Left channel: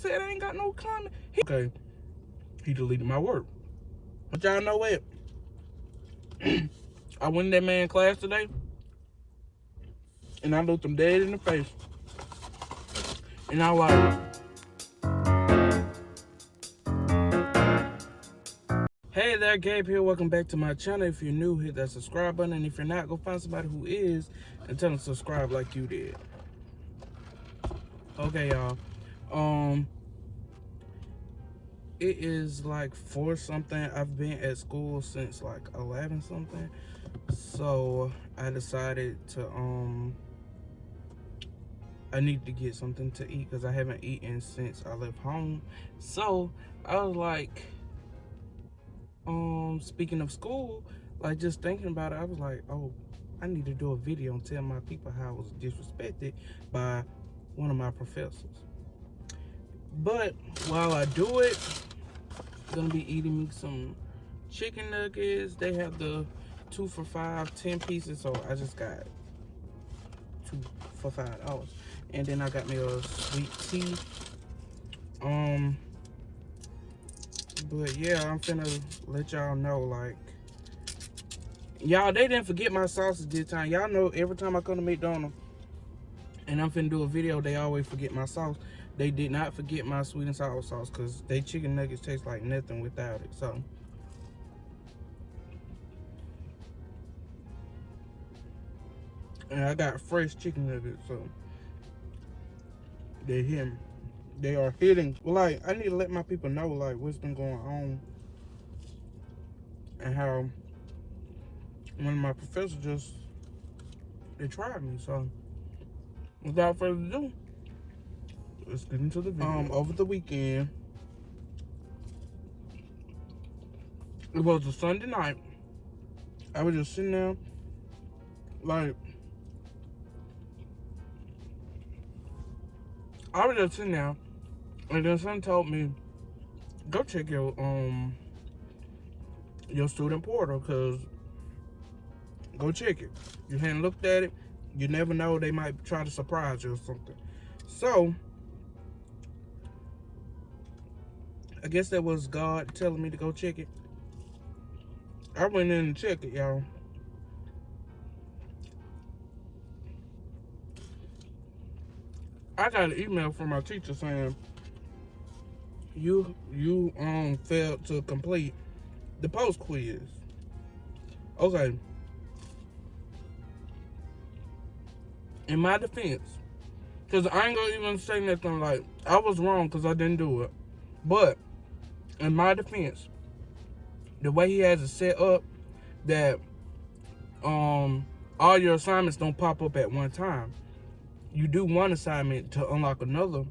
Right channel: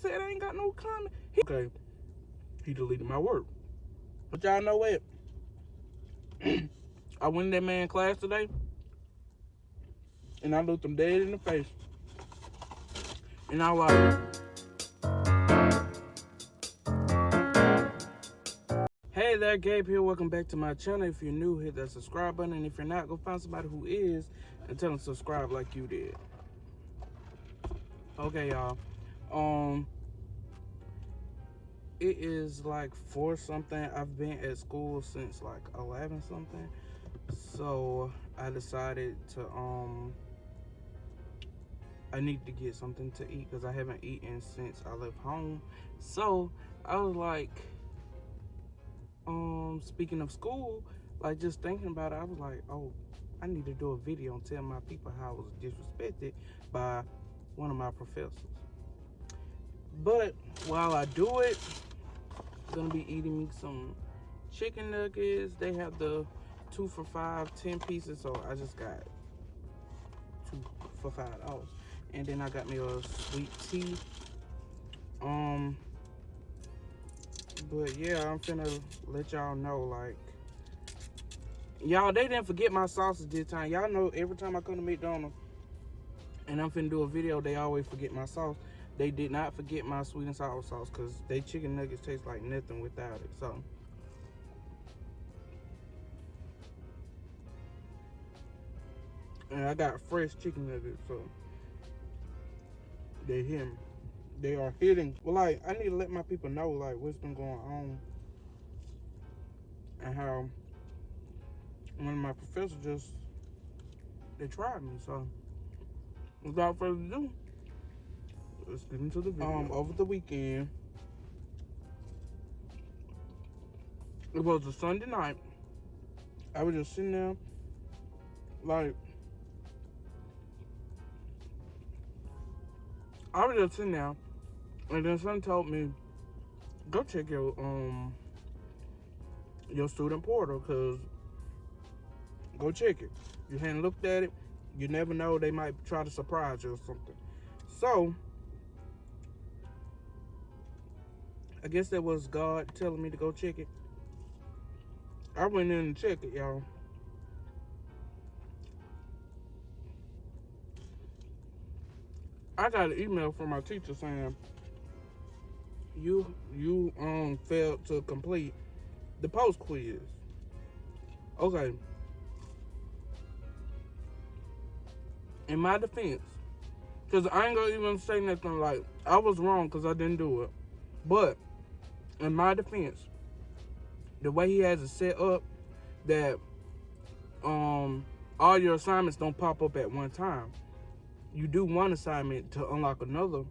said I ain't got no comment. Okay, he deleted my work. But y'all know what? I went in that man's class today, and I looked him dead in the face. And I was like, hey there, Gabe here. Welcome back to my channel. If you're new, hit that subscribe button. And if you're not, go find somebody who is and tell them to subscribe like you did. Okay, y'all. It is like 4 something. I've been at school since like 11 something. So I decided to I need to get something to eat because I haven't eaten since I left home. So I was like, speaking of school, like just thinking about it, I was like, oh, I need to do a video and tell my people how I was disrespected by one of my professors. But while I do it, I'm gonna be eating me some chicken nuggets. They have the 2 for $5, 10 pieces, so I just got 2 for $5. And then I got me a sweet tea. But yeah, I'm finna let y'all know, like, y'all, they didn't forget my sausage this time. Y'all know every time I come to McDonald's and I'm finna do a video, they always forget my sauce. They did not forget my sweet and sour sauce because they chicken nuggets taste like nothing without it. So and I got fresh chicken nuggets, so they hit me. They are hitting. Well, like, I need to let my people know, like, what's been going on and how one of my professors just, they tried me. So without further ado, let's get into the video. Over the weekend, it was a Sunday night. I was just sitting there, like, I was just sitting there, and then someone told me, go check your student portal, cause go check it. You hadn't looked at it, you never know, they might try to surprise you or something. So I guess that was God telling me to go check it. I went in and checked it, y'all. I got an email from my teacher saying you failed to complete the post quiz. Okay. In my defense, because I ain't gonna even say nothing like I was wrong because I didn't do it. But in my defense, the way he has it set up, that all your assignments don't pop up at one time. You do one assignment to unlock another.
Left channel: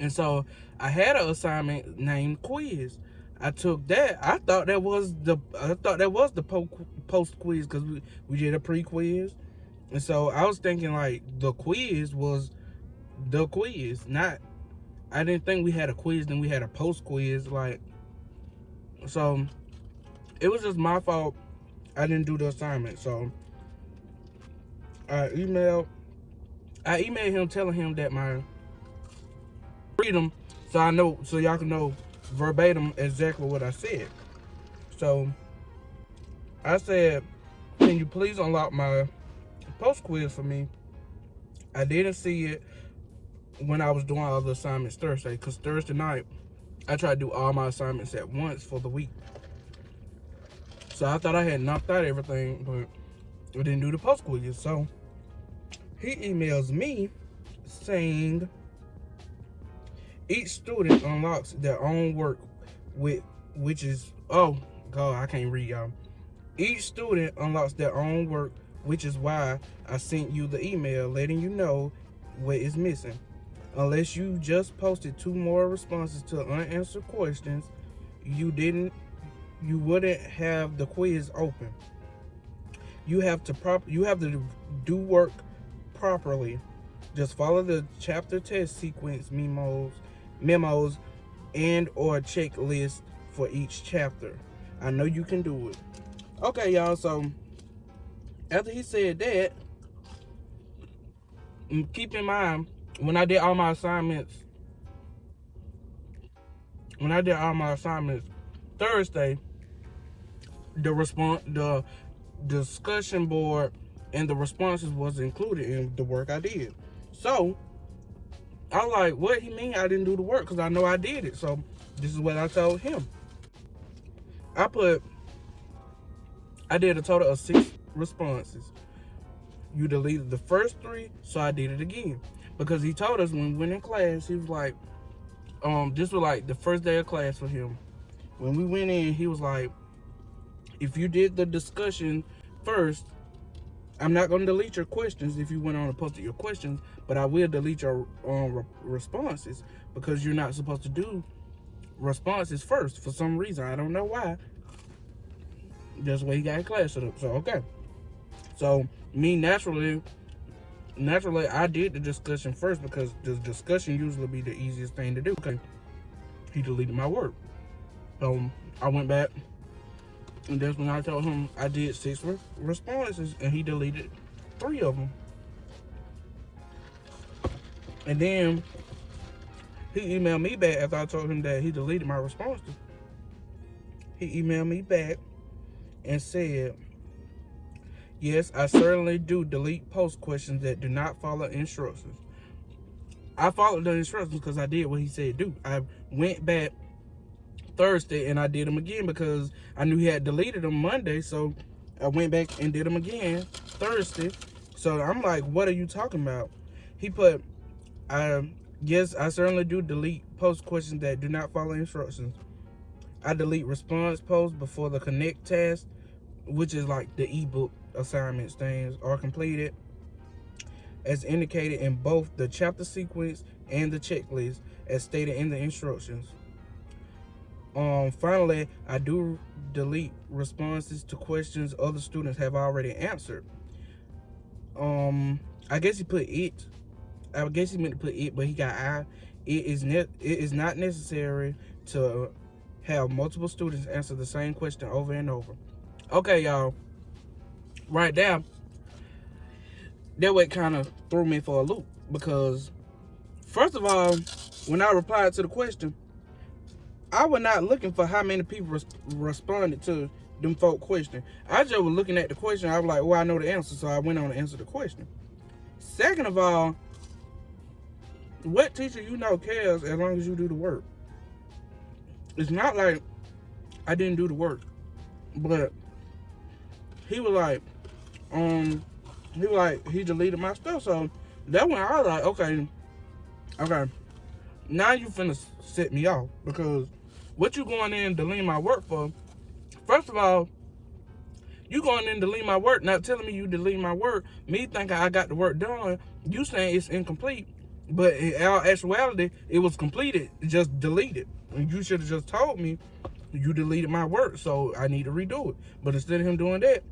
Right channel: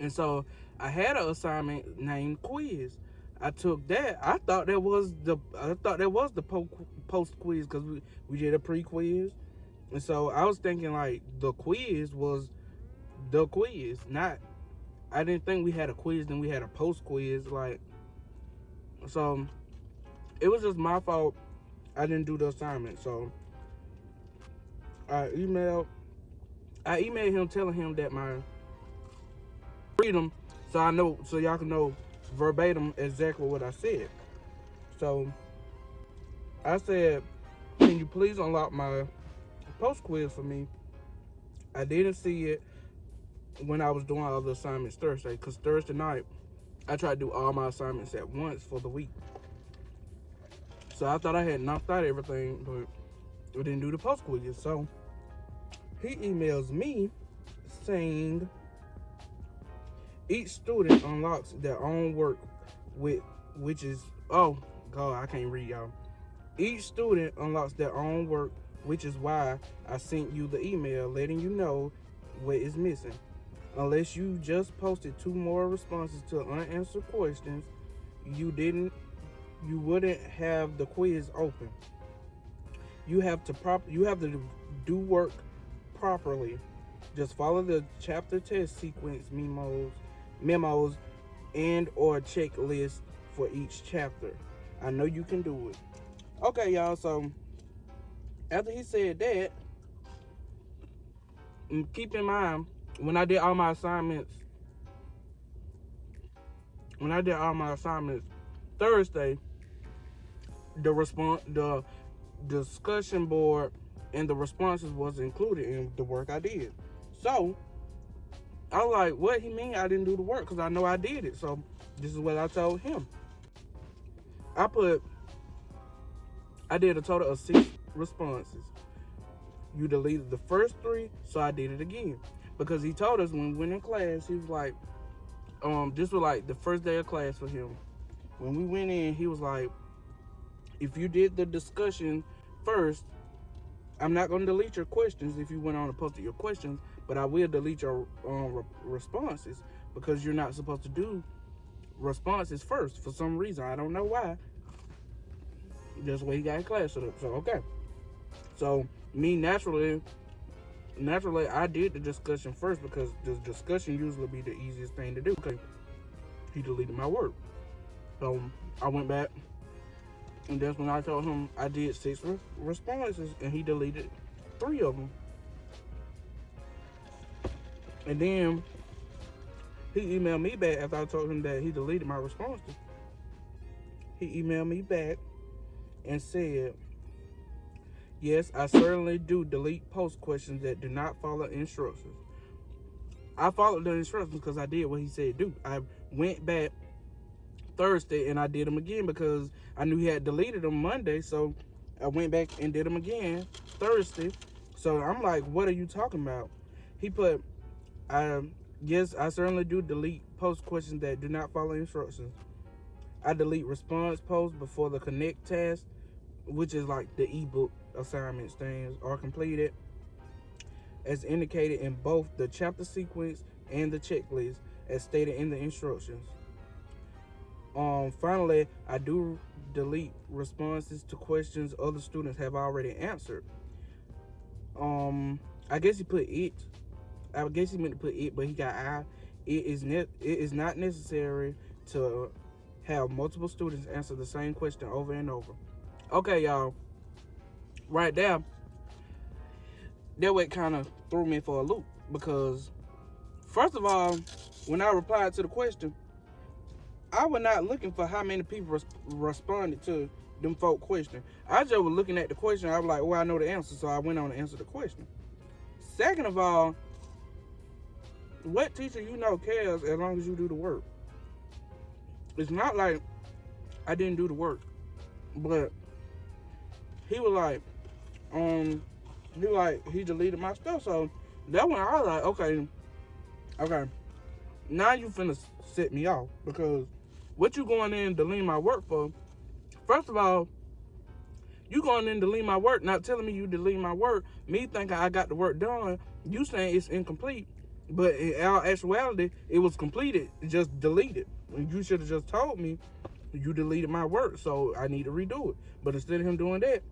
And so I had an assignment named quiz. I took that. I thought that was the post quiz because we did a pre-quiz. And so I was thinking like the quiz was the quiz, not, I didn't think we had a quiz, then we had a post quiz. Like, so it was just my fault. I didn't do the assignment. So I emailed him telling him that my freedom, so y'all can know verbatim exactly what I said. So I said, can you please unlock my post quiz for me? I didn't see it when I was doing all the assignments Thursday, because Thursday night I tried to do all my assignments at once for the week. So I thought I had knocked out everything, but I didn't do the post quiz. So he emails me saying each student unlocks their own work which is, oh God, I can't read, y'all. Each student unlocks their own work, which is why I sent you the email letting you know what is missing. Unless you just posted 2 more responses to unanswered questions, you wouldn't have the quiz open. You have to do work properly. Just follow the chapter test sequence memos and or checklist for each chapter. I know you can do it. Okay, y'all, so after he said that, keep in mind, when I did all my assignments when I did all my assignments Thursday, the discussion board and the responses was included in the work I did. So I'm like, what he mean I didn't do the work? Because I know I did it. So this is what I told him. I did a total of 6 responses. You deleted the first 3, so I did it again. Because he told us when we went in class, he was like, this was like the first day of class for him. When we went in, he was like, if you did the discussion first, I'm not going to delete your questions if you went on and posted your questions, but I will delete your responses because you're not supposed to do responses first for some reason. I don't know why. That's the way he got in class. So okay. So me naturally, I did the discussion first because the discussion usually be the easiest thing to do. Okay. He deleted my work. I went back, and that's when I told him I did 6 responses, and he deleted 3 of them. And then he emailed me back after I told him that he deleted my responses. He emailed me back and said, yes, I certainly do delete post questions that do not follow instructions. I followed the instructions because I did what he said do. I went back Thursday and I did them again because I knew he had deleted them Monday, so I went back and did them again Thursday. So I'm like, what are you talking about? He put, yes, I certainly do delete post questions that do not follow instructions. I delete response posts before the connect task, which is like the ebook assignments things, are completed as indicated in both the chapter sequence and the checklist as stated in the instructions. Finally, I do delete responses to questions other students have already answered. I guess he put it. I guess he meant to put it, but he got I. It is not necessary to have multiple students answer the same question over and over. Okay, y'all. Right there, that way kind of threw me for a loop because, first of all, when I replied to the question, I was not looking for how many people responded to them folk question. I just was looking at the question. I was like, well, I know the answer, so I went on to answer the question. Second of all, what teacher you know cares as long as you do the work? It's not like I didn't do the work, but he was like, he deleted my stuff. So that when I was like, okay, now you finna set me off because what you going in and deleting my work for? First of all, you going in and deleting my work, not telling me you deleting my work, me thinking I got the work done, you saying it's incomplete, but in all actuality, it was completed, just deleted. And you should have just told me you deleted my work, so I need to redo it. But instead of him doing that,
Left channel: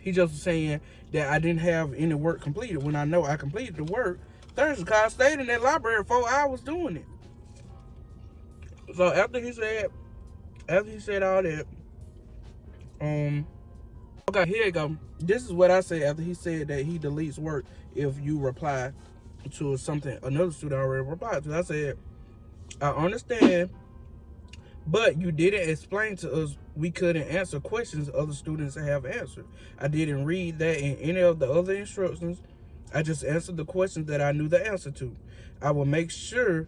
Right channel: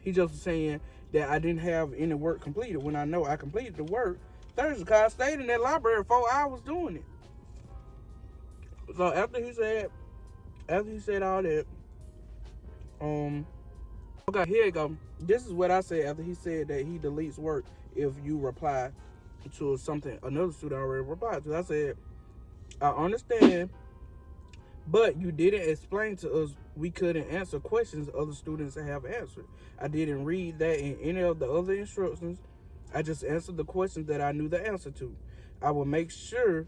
he just was saying that I didn't have any work completed when I know I completed the work Thursday because I stayed in that library 4 hours doing it. So after he said all that, okay, here you go. This is what I said after he said that he deletes work if you reply to something another student already replied to. I said, I understand, but you didn't explain to us we couldn't answer questions other students have answered. I didn't read that in any of the other instructions. I just answered the questions that I knew the answer to. I will make sure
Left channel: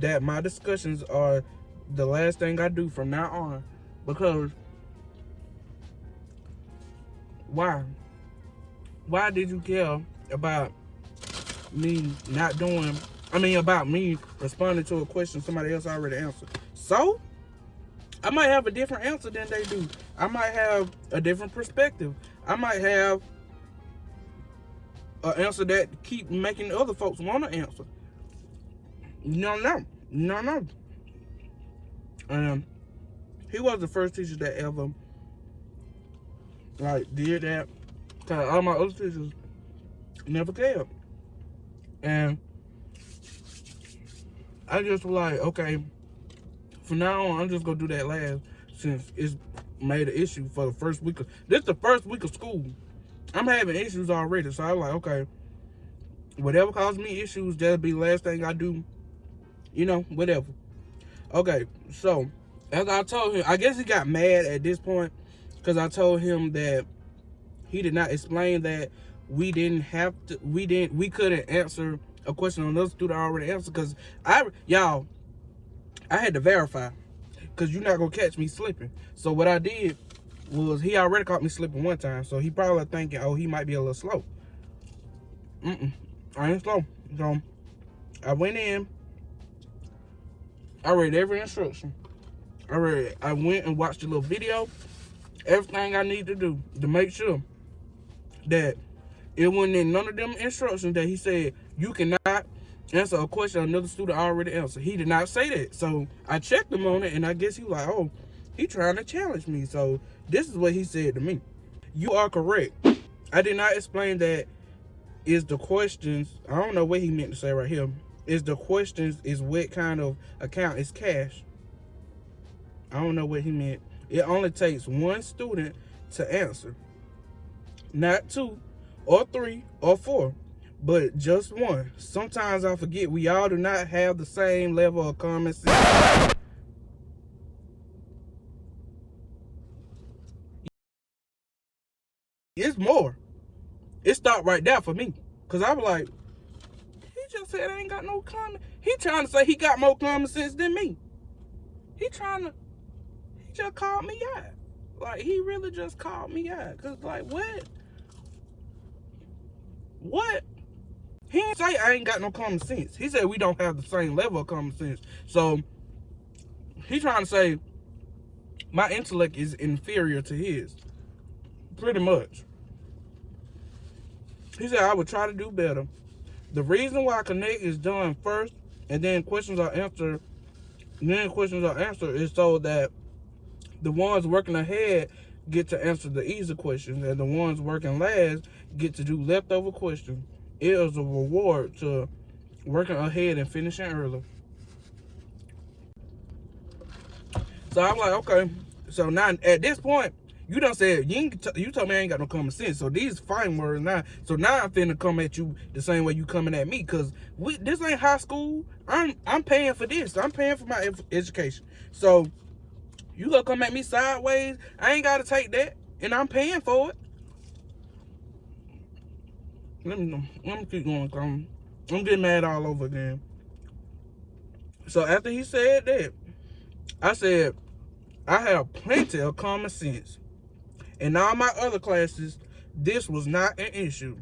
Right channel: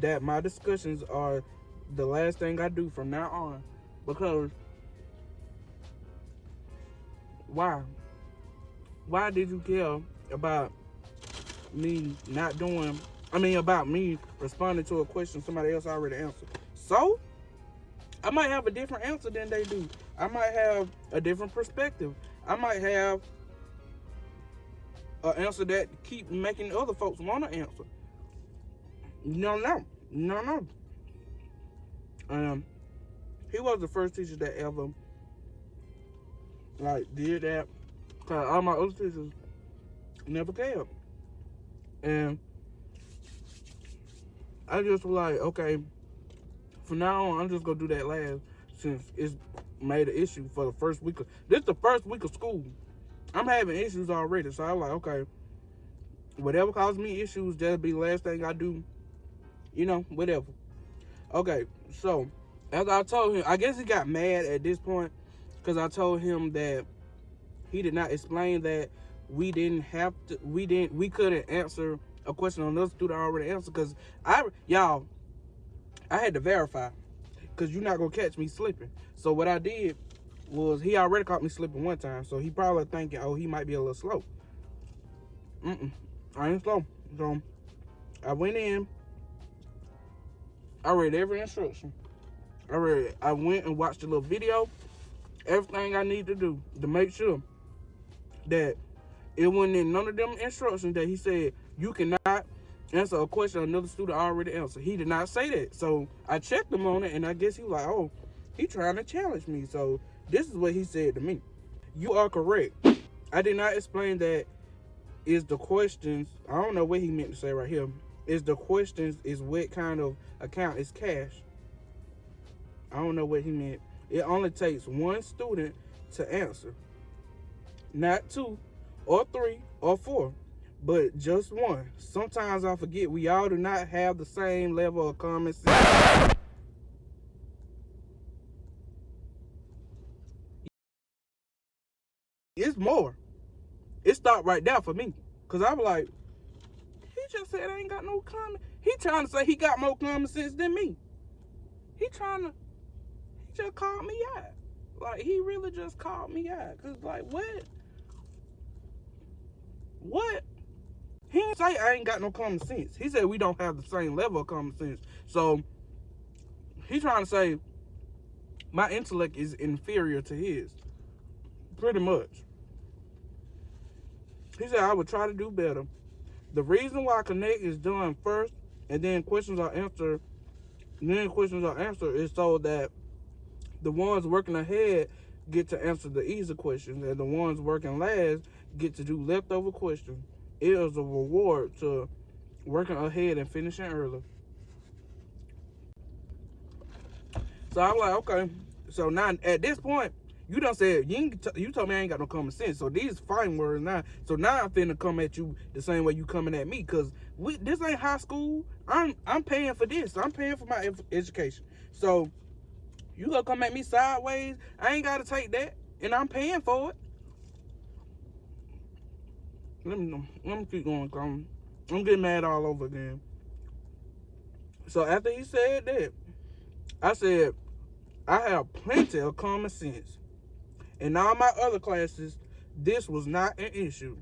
that my discussions are the last thing I do from now on. Because why? Why did you care about me about me responding to a question somebody else already answered? So, I might have a different answer than they do. I might have a different perspective. I might have an answer that keep making other folks want to answer. No. He was the first teacher that ever did that. Cause all my other teachers never cared. And I just was like, okay, from now on, I'm just gonna do that last since it's made an issue for the first week. This is the first week of school. I'm having issues already, so I'm like, okay, whatever causes me issues, that'll be the last thing I do. Whatever. Okay, so as I told him, I guess he got mad at this point because I told him that he did not explain that we couldn't answer a question another student already answered because I had to verify because you're not gonna catch me slipping. So what I did was he already caught me slipping one time, so he probably thinking, oh, he might be a little slow. I ain't slow. So I went in, I read every instruction. I went and watched a little video, everything I need to do to make sure that it wasn't in none of them instructions that he said you cannot answer a question another student already answered. He did not say that. So I checked him on it, and I guess he was like, oh, he trying to challenge me. So this is what he said to me. You are correct. I did not explain that is the questions. I don't know what he meant to say right here. Is the questions is what kind of account is cash? I don't know what he meant. It only takes one student to answer, not two or three or four, but just one. Sometimes I forget we all do not have the same level of common sense. It's more. It stopped right there for me. Cause I was like, he just said I ain't got no common. He trying to say he got more common sense than me. He just called me out. Like he really just called me out. Cause like what? What? He didn't say I ain't got no common sense. He said we don't have the same level of common sense. So he trying to say my intellect is inferior to his. Pretty much. He said I would try to do better. The reason why Connect is done first and then questions are answered is so that the ones working ahead get to answer the easy questions and the ones working last get to do leftover questions. It is a reward to working ahead and finishing early. So I'm like, okay. So now at this point, you done said you told me I ain't got no common sense. So these fine words now. So now I'm finna come at you the same way you coming at me because this ain't high school. I'm paying for this. I'm paying for my education. So you gonna come at me sideways? I ain't gotta take that, and I'm paying for it. Let me keep going. I'm getting mad all over again. So after he said that, I said I have plenty of common sense. In all my other classes, this was not an issue.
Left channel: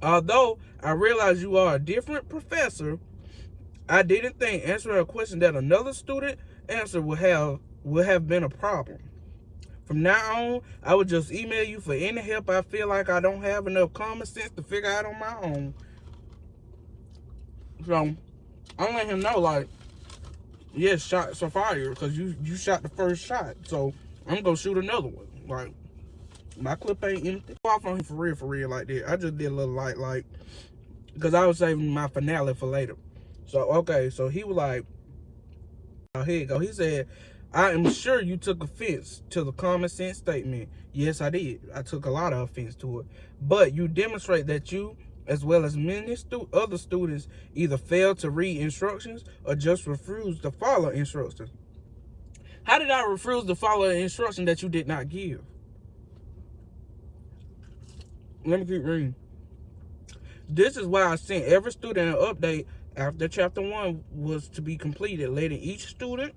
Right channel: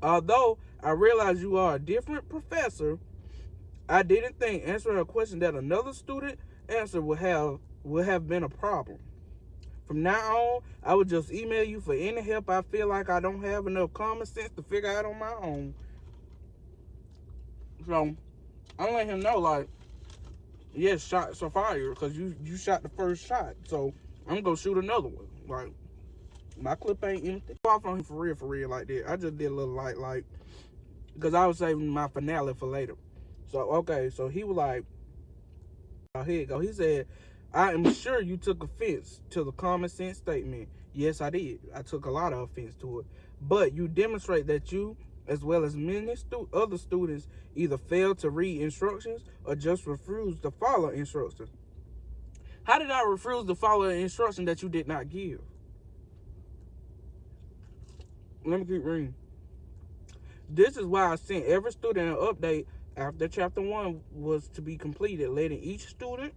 Although I realize you are a different professor, I didn't think answering a question that another student answered would have been a problem. From now on, I would just email you for any help I feel like I don't have enough common sense to figure out on my own. So I'm letting him know, like, yes, shots are fired because you shot the first shot. So I'm gonna shoot another one. Like my clip ain't empty. Off on him for real like that. I just did a little like because I was saving my finale for later. So okay, so he was like, oh, here you go. He said, I am sure you took offense to the common sense statement. Yes, I did. I took a lot of offense to it. But you demonstrate that you, as well as many other students, either failed to read instructions or just refused to follow instructions. How did I refuse to follow an instruction that you did not give? Let me keep reading. This is why I sent every student an update after chapter 1 was to be completed, letting each student,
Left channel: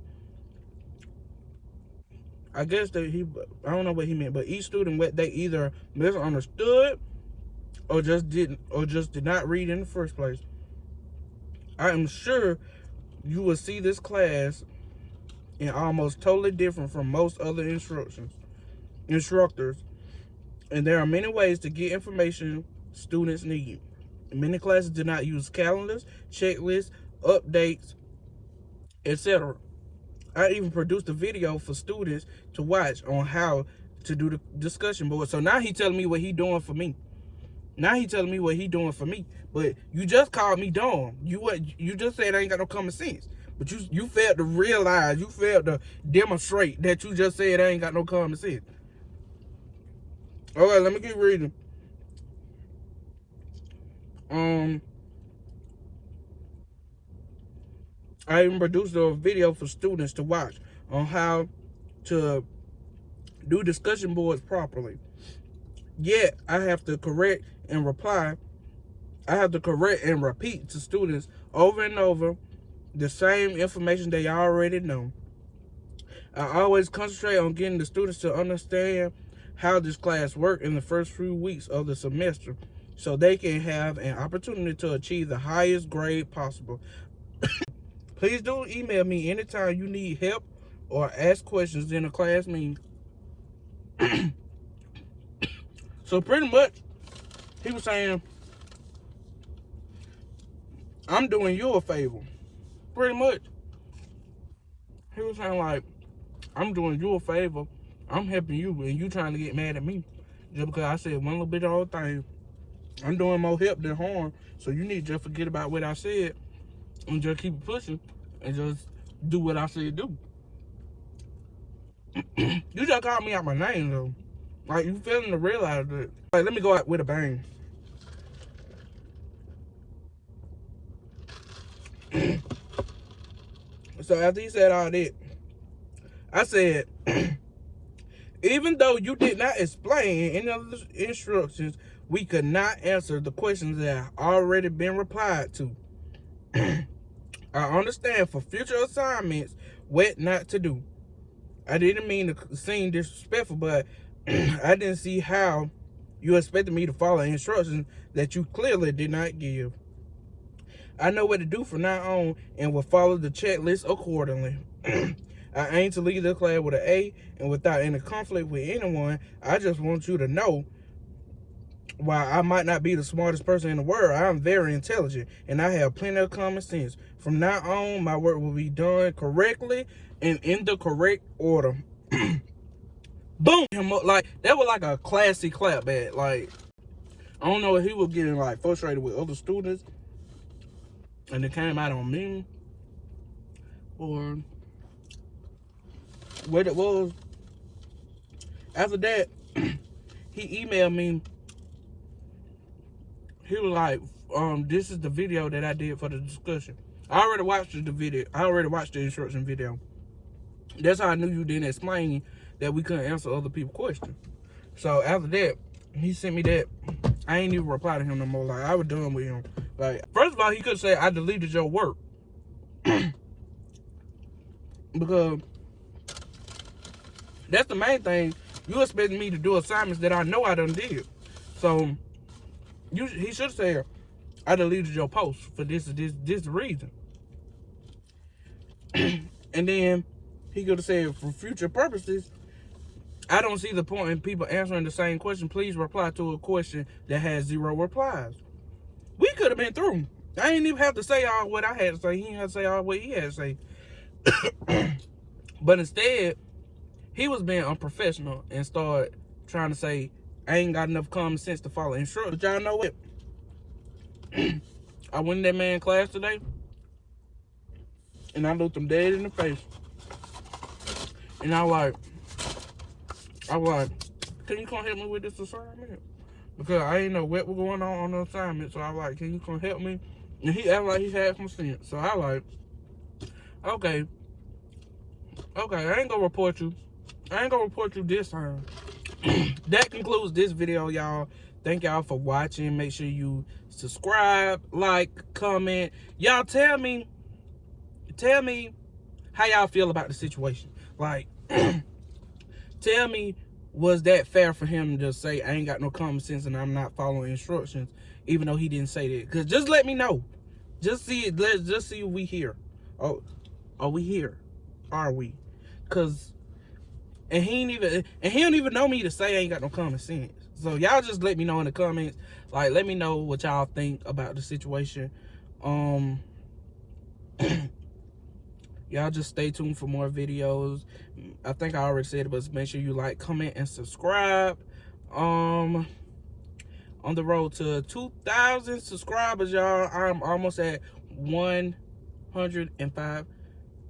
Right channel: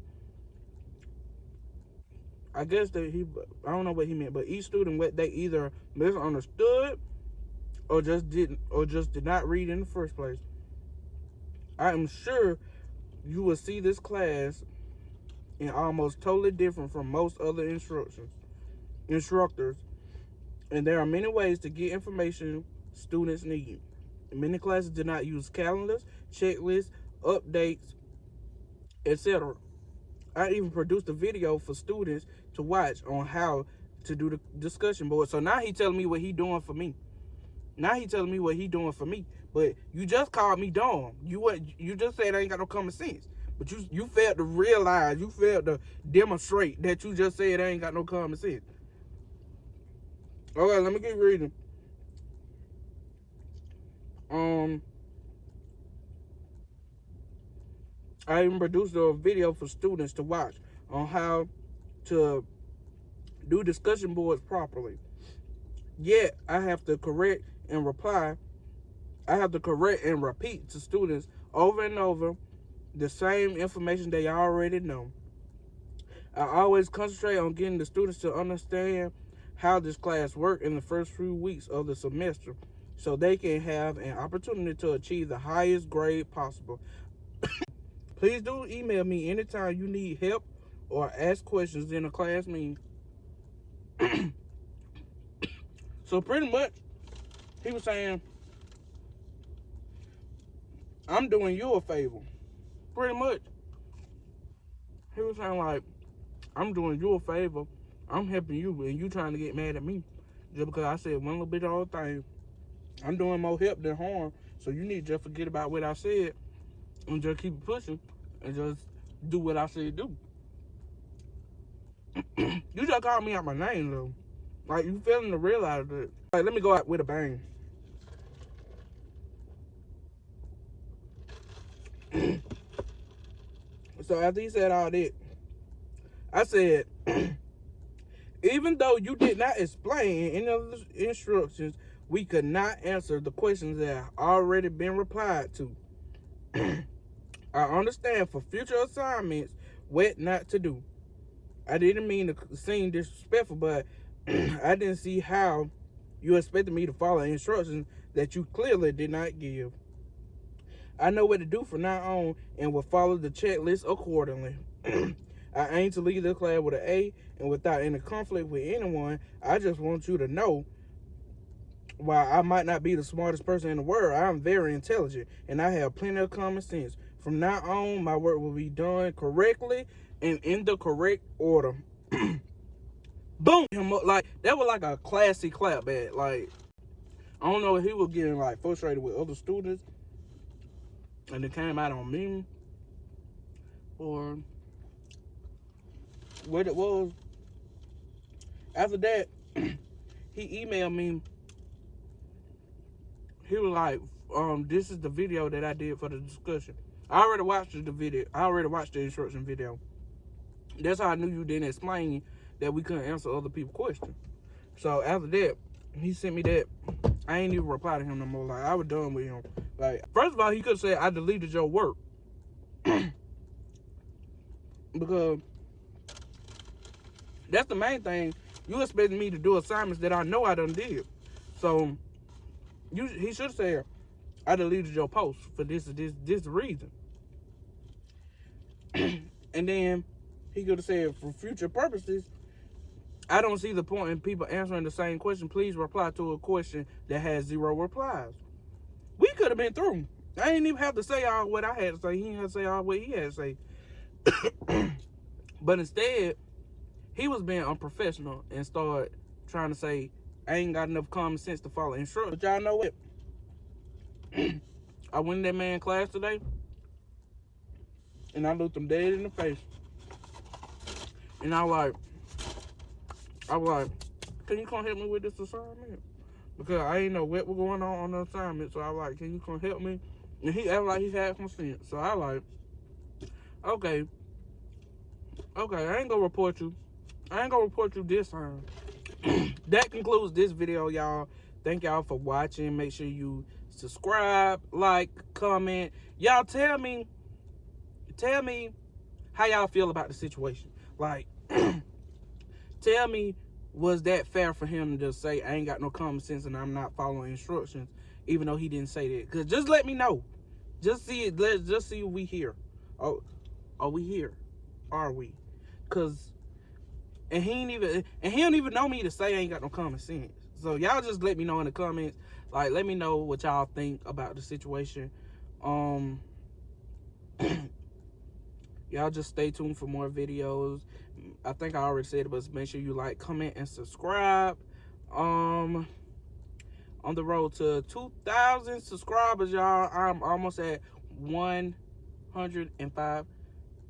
I guess I don't know what he meant, but each student, what they either misunderstood or just did not read in the first place. I am sure you will see this class in almost totally different from most other instructors, and there are many ways to get information students need. Many classes do not use calendars, checklists, updates, etc. I even produced a video for students to watch on how to do the discussion board. So now he telling me what he doing for me. Now he telling me what he doing for me. But you just called me dumb. You just said I ain't got no common sense. But you failed to realize, you failed to demonstrate that you just said I ain't got no common sense. Okay, let me keep reading. Um I even produced a video for students to watch on how to do discussion boards properly. Yet, I have to correct and reply. I have to correct and repeat to students over and over the same information they already know. I always concentrate on getting the students to understand how this class works in the first few weeks of the semester so they can have an opportunity to achieve the highest grade possible. Please do email me anytime you need help or ask questions in a class meeting. So pretty much, he was saying, I'm doing you a favor. Pretty much. He was saying like, I'm doing you a favor. I'm helping you and you trying to get mad at me. Just because I said one little bit of all thing. I'm doing more help than harm. So you need to just forget about what I said and just keep pushing and just do what I said do. You just called me out my name though. Like you failing to realize that. Like let me go out with a bang. So after he said all that, I said, even though you did not explain any of the instructions, we could not answer the questions that have already been replied to. I understand for future assignments what not to do. I didn't mean to seem disrespectful, but I didn't see how you expected me to follow instructions that you clearly did not give. I know what to do from now on and will follow the checklist accordingly. I aim to leave the class with an A and without any conflict with anyone. I just want you to know, while I might not be the smartest person in the world, I am very intelligent and I have plenty of common sense. From now on, my work will be done correctly and in the correct order. Boom! Like that was like a classy clap back. Like I don't know if he was getting like frustrated with other students and it came out on me or what it was. After that, he emailed me. He was like, this is the video that I did for the discussion. I already watched the video. I already watched the instruction video. That's how I knew you didn't explain that we couldn't answer other people's questions. So after that, he sent me that. I ain't even reply to him no more. Like I was done with him. Like first of all, he could say I deleted your work because that's the main thing. You expecting me to do assignments that I know I done did. So he should say I deleted your post for this reason. And then he could have said for future purposes, I don't see the point in people answering the same question. Please reply to a question that has 0 replies. We could have been through. I didn't even have to say all what I had to say. He didn't have to say all what he had to say. But instead, he was being unprofessional and started trying to say, I ain't got enough common sense to follow instructions. But y'all know what? I went in that man's class today, and I looked him dead in the face. And I was like, can you come help me with this assignment? Because I ain't know what was going on the assignment. So I was like, can you come help me? And he acted like he had some sense. So I was like, okay, I ain't gonna report you. I ain't gonna report you this time. That concludes this video, y'all. Thank y'all for watching. Make sure you subscribe, like, comment. Y'all tell me how y'all feel about the situation. Like, tell me, was that fair for him to just say, I ain't got no common sense and I'm not following instructions, even though he didn't say that? Because just let me know. Just see it. Let's just see if we here. Oh, are we here? Are we? Because, and he don't even know me to say I ain't got no common sense. So y'all just let me know in the comments. Like, let me know what y'all think about the situation. Y'all just stay tuned for more videos. I think I already said it, but make sure you like, comment, and subscribe. On the road to 2,000 subscribers, y'all. I'm almost at 105.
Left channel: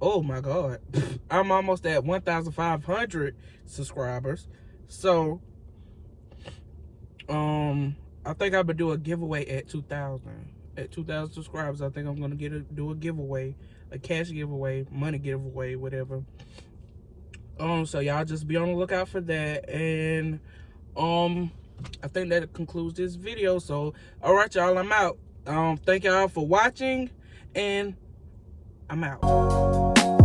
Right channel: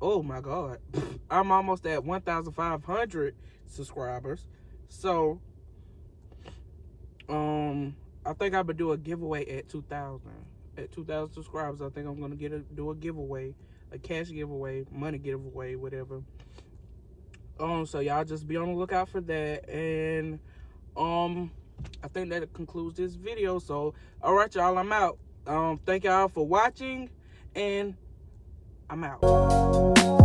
Oh my God. I'm almost at 1,500 subscribers. So, I think I'm gonna do a giveaway at 2,000. At 2,000 subscribers, I think I'm gonna do a giveaway a cash giveaway, money giveaway, whatever. So y'all just be on the lookout for that. And I think that concludes this video. So all right, y'all, I'm out. Thank y'all for watching, and I'm out.